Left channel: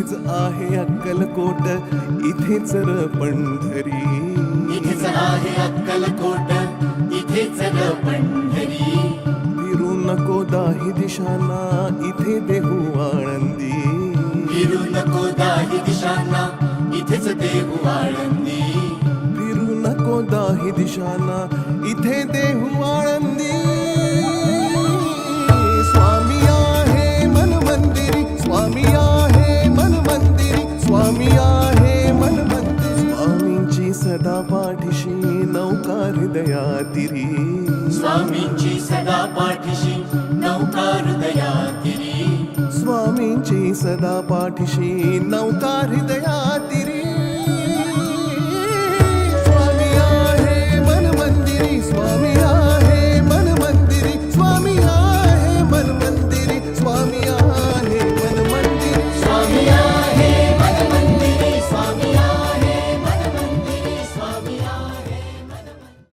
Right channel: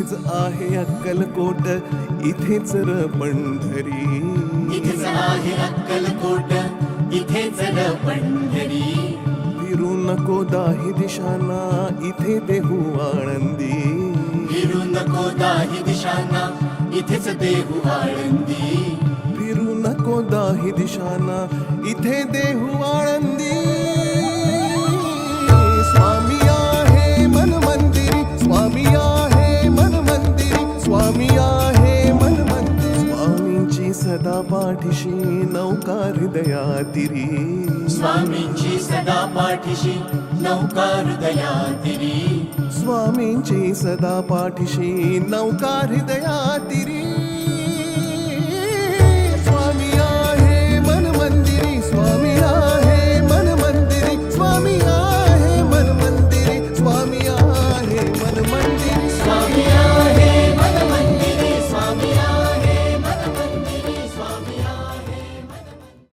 इथेच आहे अक्कलकोट, इथेच र पंढरी. इथेच आहे अक्कलकोट, इथेच र पंढरी. फिरू नको दाही दिशांना, इथे देहू आळंदी. फिरू नको दाही दिशांना, इथेच देहू आळंदी. फिरू नको दाही दिशांना, इथे देहू आळंदी. स्वामी आहे मन मंदिरी, स्वामी आहे मन मंदिरी, स्वामी आहे मन मंदिरी. स्वामींची सदा पाठीशी नौका हृदयातिरी. स्वामींची सदा पाठीशी नौका हृदयातिरी. स्वामींची सदा पाठीशी नौका हृदयातिरी.